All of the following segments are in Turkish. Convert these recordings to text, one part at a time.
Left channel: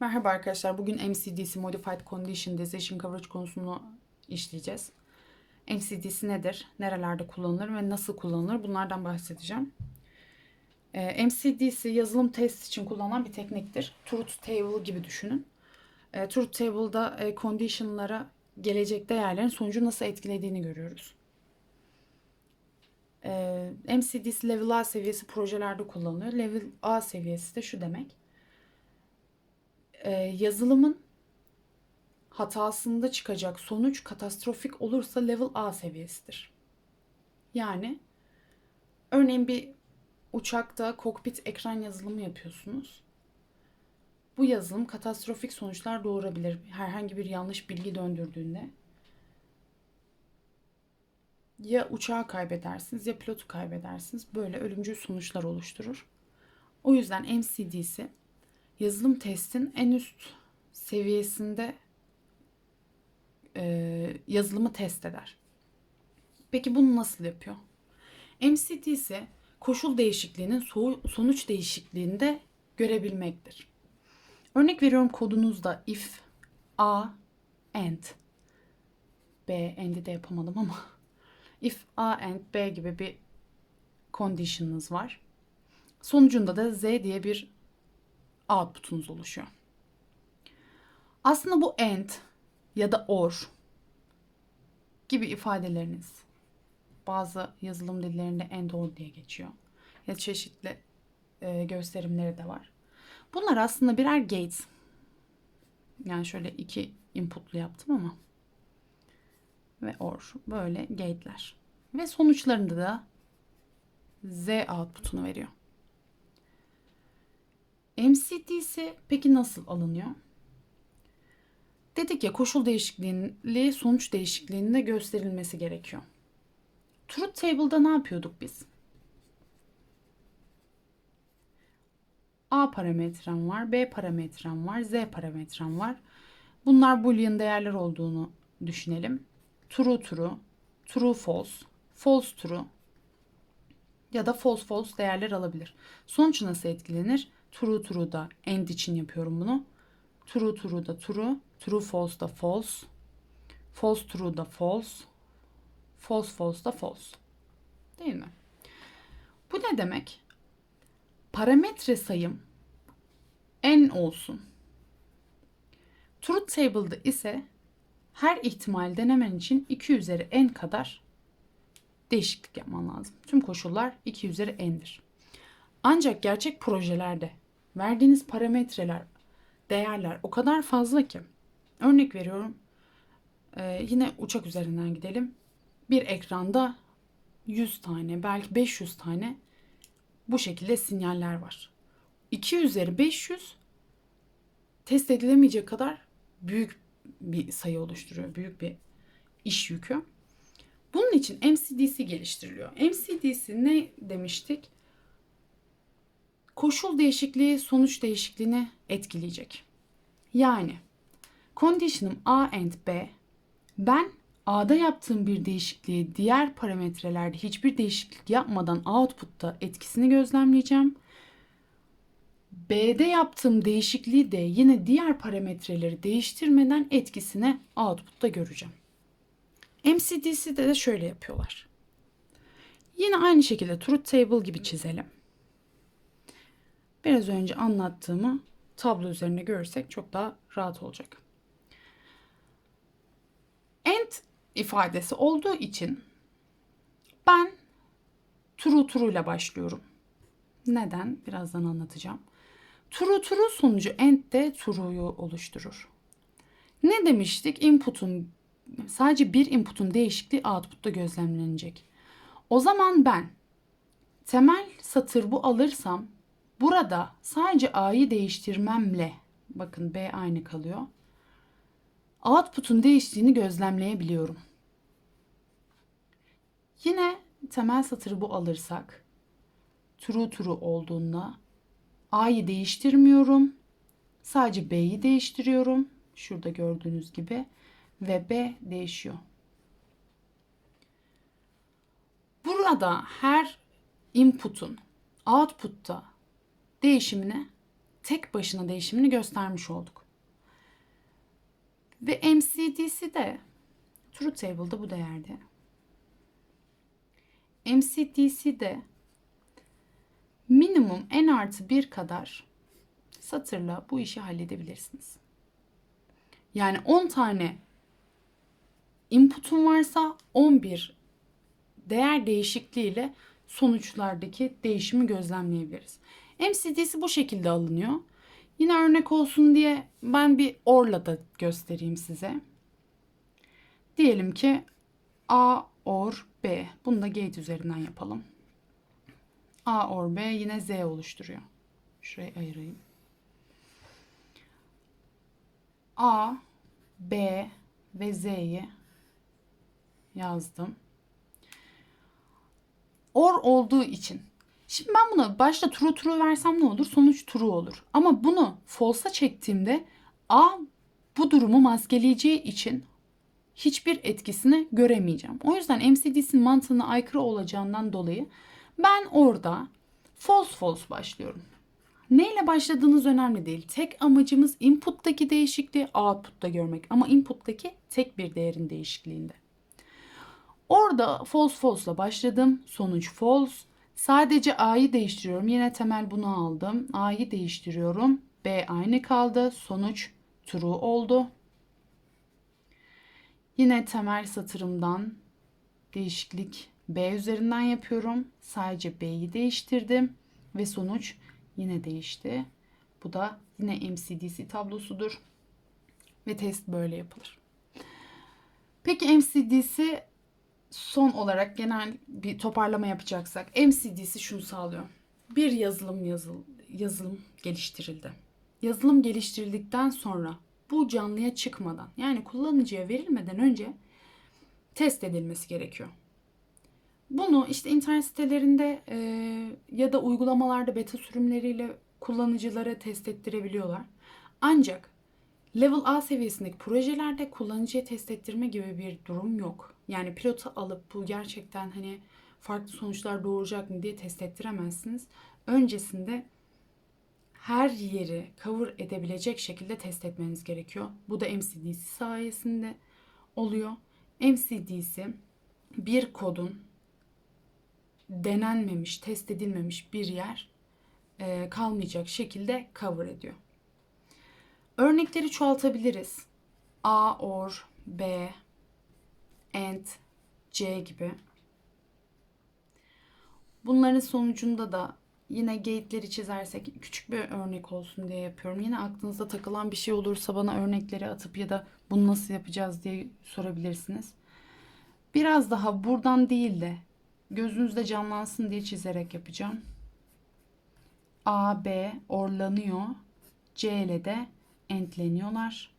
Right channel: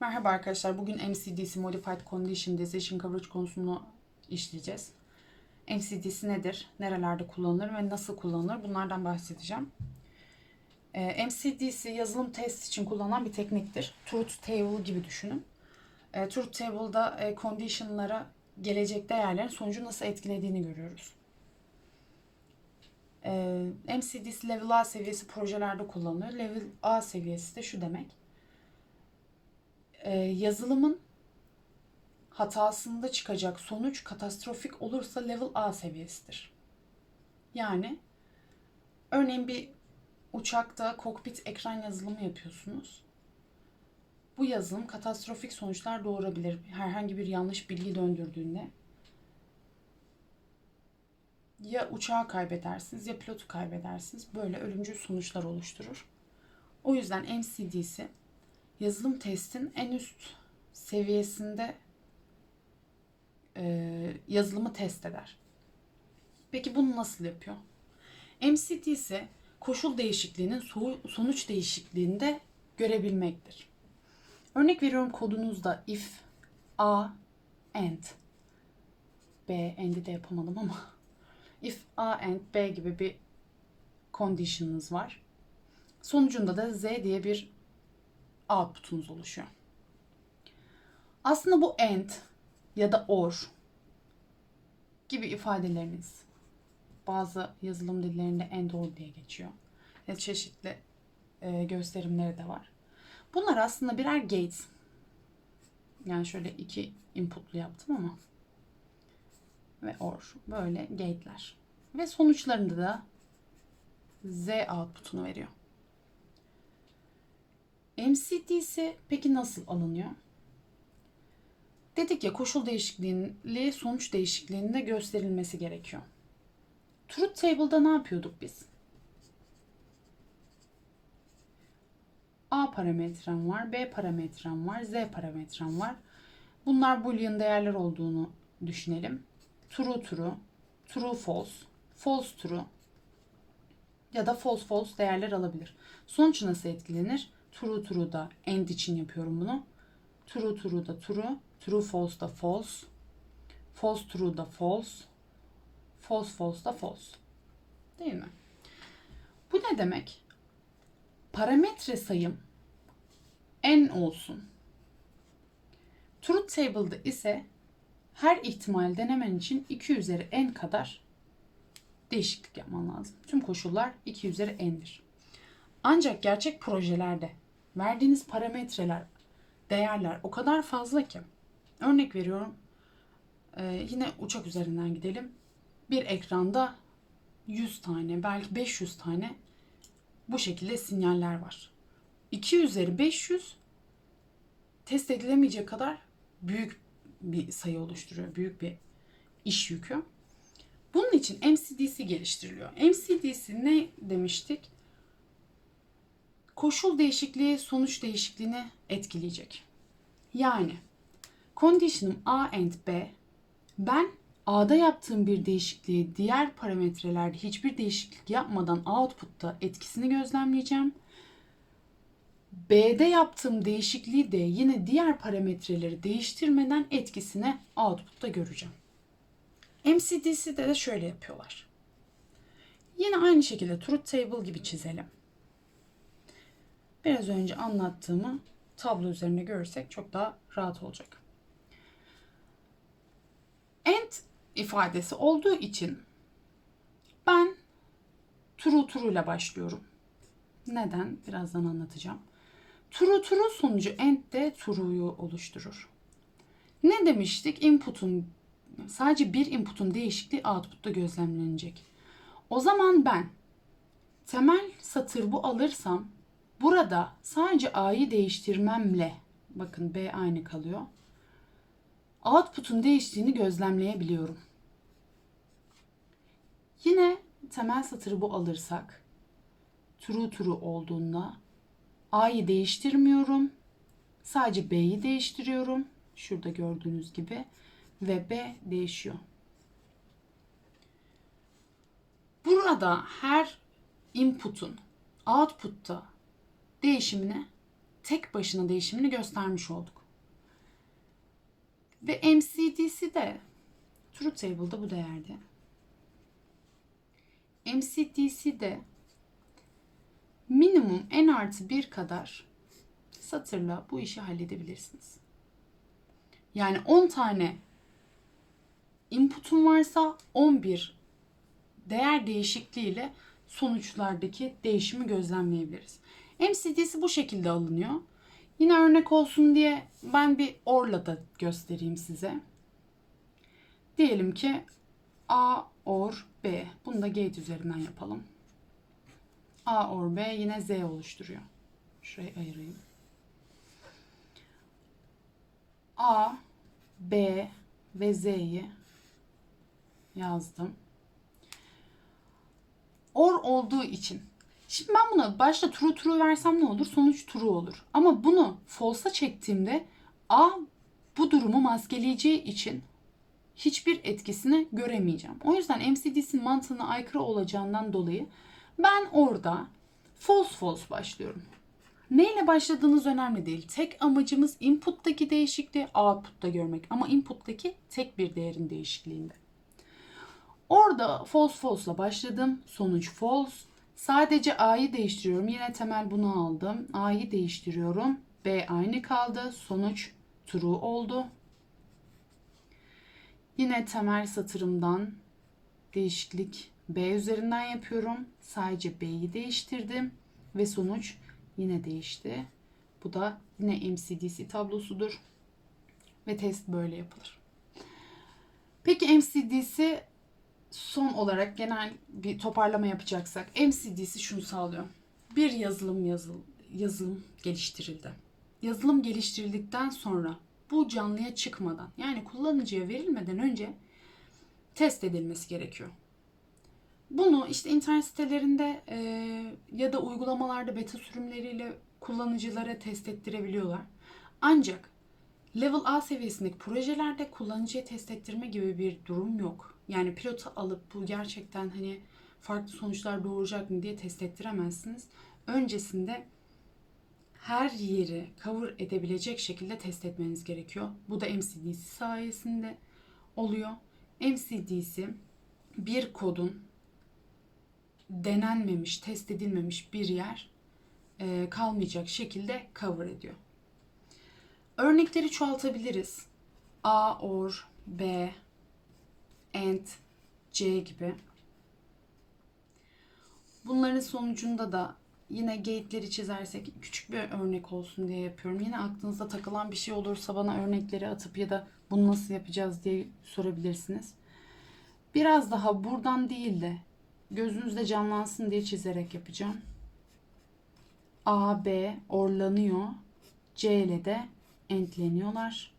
Merhaba arkadaşlar. Bugün MCDC Modified Condition Decision Coverage konusunu işleyeceğiz. MCDC nedir? Nerelerde kullanılır ve nasıl kullanılır? Bunlardan bahsedeceğim. Ee, MCDC yazılım test için kullanılan bir tekniktir. Truth Table gibi düşünün. Ee, Truth Table'da e, condition'lara gelecek değerlerin sonucu nasıl etkilediğini görüyoruz. Ee, MCDC Level A seviyesi projelerde kullanılıyor. Level A seviyesi de şu demek e, yazılımın hatasında çıkacak sonuç katastrofik olursa level A seviyesidir. Yani örneğin bir uçakta kokpit ekran yazılımı yapıyorsunuz. Bu yazılım katastrofik sonuçlar doğurabilir. Herhangi bir yanlış bilgi döndürdüğünde ya uçağı kaybedersiniz ya pilotu kaybedersiniz. Böyle ölümcül sonuçlar oluşturur. O yüzden MCD'si yazılım testin en üst seviyesinde e, yazılımı test eder. Peki bunu nasıl yapıyor? MCT ise koşul değişikliğinin sonuç değişikliğini de görebilmektir. Örnek veriyorum kodunuzda if a and b and'i de yapamadım ama if a and b gibi bir condition'ınız var. Sonucunda da z diye bir output'unuz oluşuyor. Aslında bu and ya da or gibi ifadeleriniz bazı yazılım dillerinde and or diye geçiyor. Ya çeşitli e, gösterimleri de var. Bunlar aslında birer gates. Yani şöyle iki inputlu yaptım ama ve or böyle gate'ler. Ve sonuçlarında da z output'unu veriyor. MCT'si peki nasıl alınıyor? Dedik ya koşul değişikliğiyle sonuç değişikliğinin de gösterilmesi gerekiyor. Truth Table'da ne yapıyorduk biz? A parametrem var, B parametrem var, Z parametrem var. Bunlar boolean değerler olduğunu düşünelim. True true, true false, false true ya da false false değerler alabilir. Sonuç nasıl etkilenir? True true da end için yapıyorum bunu. True true da true. True false da false. False true da false. False false da false. Değil mi? Bu ne demek? Parametre sayım n olsun. Truth table'da ise her ihtimal denemen için 2 üzeri n kadar değişiklik yapman lazım. Tüm koşullar 2 üzeri n'dir. Ancak gerçek projelerde verdiğiniz parametreler, değerler o kadar fazla ki. Örnek veriyorum. Ee, yine uçak üzerinden gidelim. Bir ekranda 100 tane, belki 500 tane bu şekilde sinyaller var. 2 üzeri 500 test edilemeyecek kadar büyük bir sayı oluşturuyor. Büyük bir iş yükü. Bunun için MCDC geliştiriliyor. MCDC ne demiştik? Koşul değişikliği sonuç değişikliğini etkileyecek. Yani condition'ım A and B ben A'da yaptığım bir değişikliği diğer parametrelerde hiçbir değişiklik yapmadan output'ta etkisini gözlemleyeceğim. B'de yaptığım değişikliği de yine diğer parametreleri değiştirmeden etkisini output'ta göreceğim. MCDC'de de şöyle yapıyorlar. Yine aynı şekilde truth table gibi çizelim biraz önce anlattığımı tablo üzerinde görürsek çok daha rahat olacak. And ifadesi olduğu için ben true true ile başlıyorum. Neden? Birazdan anlatacağım. True true sonucu and de true'yu oluşturur. Ne demiştik? Input'un sadece bir input'un değişikliği output'ta gözlemlenecek. O zaman ben temel satır bu alırsam Burada sadece A'yı değiştirmemle bakın B aynı kalıyor. Output'un değiştiğini gözlemleyebiliyorum. Yine temel satırı bu alırsak true true olduğunda A'yı değiştirmiyorum. Sadece B'yi değiştiriyorum. Şurada gördüğünüz gibi ve B değişiyor. Burada her input'un output'ta değişimine tek başına değişimini göstermiş olduk. Ve MCD'si de Truth Table'da bu değerde. MCD'si de minimum n artı 1 kadar satırla bu işi halledebilirsiniz. Yani 10 tane input'um varsa 11 değer değişikliğiyle sonuçlardaki değişimi gözlemleyebiliriz. MCD'si bu şekilde alınıyor. Yine örnek olsun diye ben bir OR'la da göstereyim size. Diyelim ki A OR B. Bunu da gate üzerinden yapalım. A OR B yine Z oluşturuyor. Şurayı ayırayım. A, B ve Z'yi yazdım. Or olduğu için. Şimdi ben buna başta true true versem ne olur? Sonuç true olur. Ama bunu false'a çektiğimde A bu durumu maskeleyeceği için hiçbir etkisini göremeyeceğim. O yüzden MCD'sin mantığına aykırı olacağından dolayı ben orada false false başlıyorum. Neyle başladığınız önemli değil. Tek amacımız input'taki değişikliği output'ta görmek. Ama input'taki tek bir değerin değişikliğinde. Orada false false'la başladım. Sonuç false. Sadece A'yı değiştiriyorum. Yine temel bunu aldım. A'yı değiştiriyorum. B aynı kaldı. Sonuç true oldu. Yine temel satırımdan değişiklik B üzerinden yapıyorum. Sadece B'yi değiştirdim ve sonuç yine değişti. Bu da yine MCDC tablosudur. Ve test böyle yapılır. Peki MCDC son olarak genel bir toparlama yapacaksak MCDC şunu sağlıyor. Bir yazılım yazıl, yazılım geliştirildi. Yazılım geliştirildikten sonra bu canlıya çıkmadan yani kullanıcıya verilmeden önce test edilmesi gerekiyor. Bunu işte internet sitelerinde e, ya da uygulamalarda beta sürümleriyle kullanıcılara test ettirebiliyorlar. Ancak level A seviyesindeki projelerde kullanıcıya test ettirme gibi bir durum yok. Yani pilotu alıp bu gerçekten hani farklı sonuçlar doğuracak mı diye test ettiremezsiniz. Öncesinde her yeri cover edebilecek şekilde test etmeniz gerekiyor. Bu da MCDC sayesinde oluyor. MCDC bir kodun denenmemiş, test edilmemiş bir yer e, kalmayacak şekilde cover ediyor. Örnekleri çoğaltabiliriz. A, OR, B, AND, C gibi. Bunların sonucunda da yine gate'leri çizersek küçük bir örnek olsun diye yapıyorum. Yine aklınızda takılan bir şey olursa bana örnekleri atıp ya da bunu nasıl yapacağız diye sorabilirsiniz. Biraz daha buradan değil de gözünüzde canlansın diye çizerek yapacağım. A, B orlanıyor. C ile de entleniyorlar.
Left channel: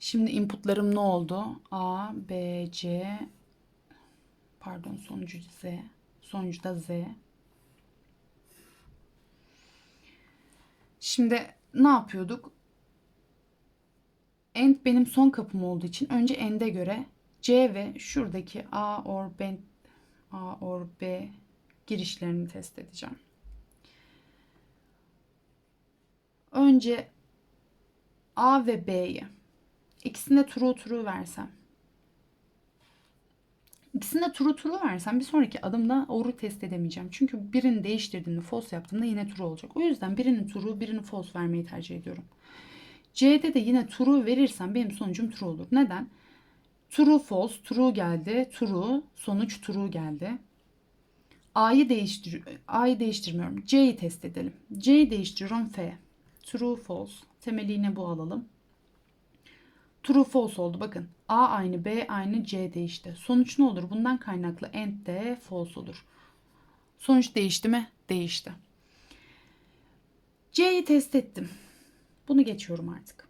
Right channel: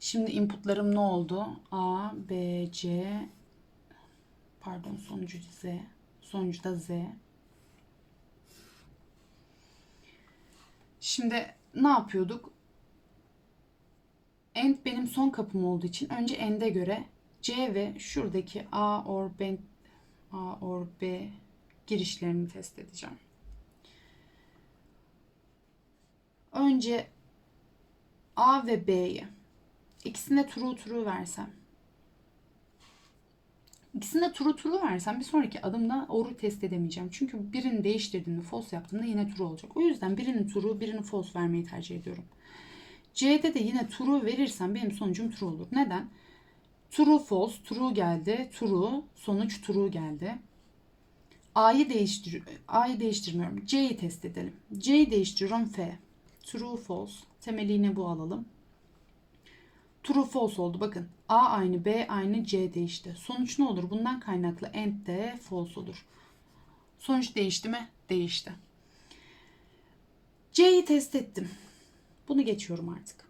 Şimdi inputlarım ne oldu? A, B, C pardon sonucu Z. Sonucu da Z. Şimdi ne yapıyorduk? End benim son kapım olduğu için önce end'e göre C ve şuradaki A or B A or B girişlerini test edeceğim. Önce A ve B'yi ikisine true true versem. İkisine true true versem bir sonraki adımda or'u test edemeyeceğim. Çünkü birini değiştirdiğimde false yaptığımda yine true olacak. O yüzden birini true birini false vermeyi tercih ediyorum. C'de de yine true verirsem benim sonucum true olur. Neden? True false, true geldi, true, sonuç true geldi. A'yı değiştir A'yı değiştirmiyorum. C'yi test edelim. C'yi değiştiriyorum F. True false. Temeli yine bu alalım. True false oldu. Bakın A aynı B aynı C değişti. Sonuç ne olur? Bundan kaynaklı end de false olur. Sonuç değişti mi? Değişti. C'yi test ettim. Bunu geçiyorum artık.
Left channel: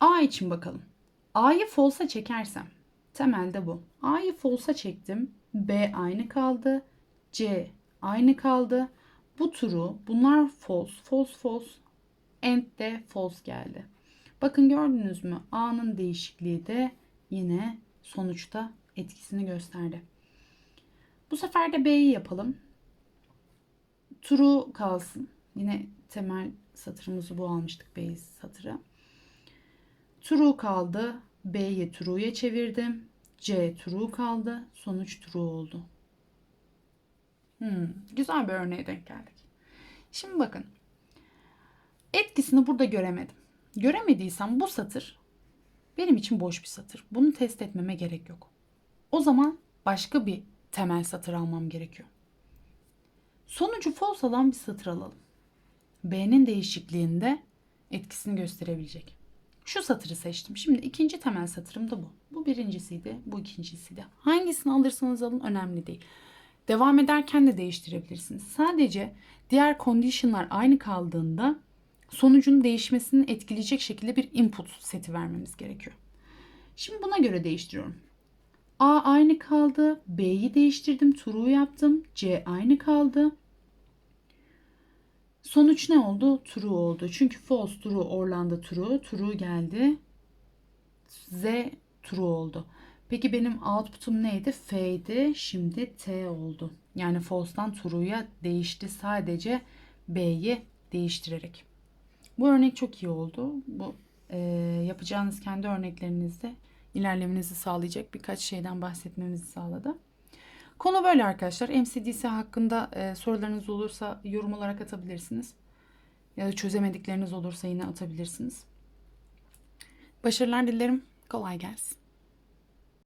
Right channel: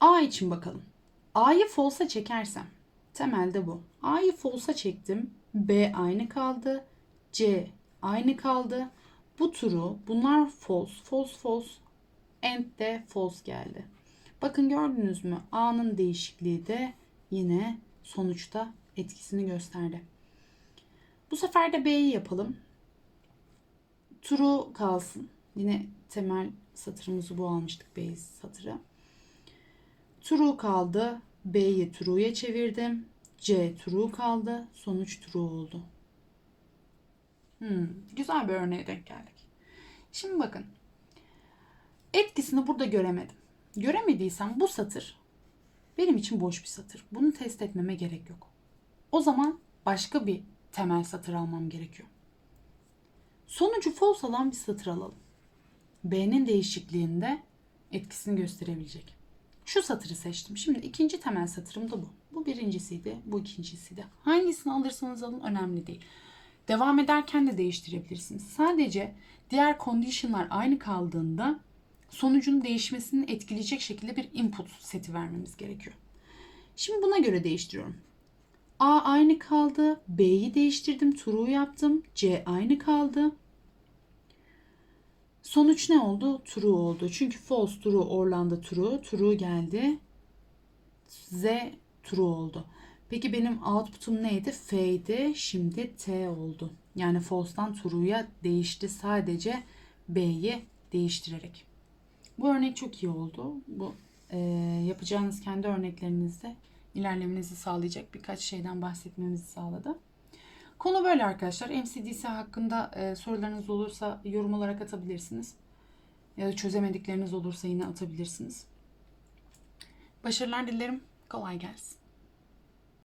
A için bakalım. A'yı false'a çekersem temelde bu. A'yı false'a çektim. B aynı kaldı. C aynı kaldı. Bu turu bunlar false, false, false. End de false geldi. Bakın gördünüz mü? A'nın değişikliği de yine sonuçta etkisini gösterdi. Bu sefer de B'yi yapalım. True kalsın. Yine temel satırımızı bu almıştık base satırı. True kaldı. B'yi true'ya çevirdim. C true kaldı. Sonuç true oldu. Hmm, güzel bir örneğe denk geldik. Şimdi bakın. Etkisini burada göremedim. Göremediysem bu satır benim için boş bir satır. Bunu test etmeme gerek yok. O zaman başka bir temel satır almam gerekiyor. Sonucu false alan bir satır alalım. B'nin değişikliğinde etkisini gösterebilecek. Şu satırı seçtim. Şimdi ikinci temel satırım da bu. Bu birincisiydi, bu ikincisiydi. Hangisini alırsanız alın önemli değil. Devam ederken de değiştirebilirsiniz. Sadece diğer condition'lar aynı kaldığında sonucun değişmesini etkileyecek şekilde bir input seti vermemiz gerekiyor. Şimdi buna göre değiştiriyorum. A aynı kaldı. B'yi değiştirdim. True yaptım. C aynı kaldı. Sonuç ne oldu? True oldu. Çünkü false true Orlando true. True geldi. Z true oldu. Peki benim output'um neydi? F'ydi. Şimdi T oldu. Yani false'dan true'ya değişti. Sadece B'yi değiştirerek. Bu örnek çok iyi oldu. Bu e, yapacağınız kendi örneklerinizde ilerlemenizi sağlayacak birkaç şeyden bahsetmemizi sağladı. Konu böyle arkadaşlar. MCDC hakkında e, sorularınız olursa yorum olarak atabilirsiniz. Ya da çözemedikleriniz olursa yine atabilirsiniz. Başarılar dilerim. Kolay gelsin.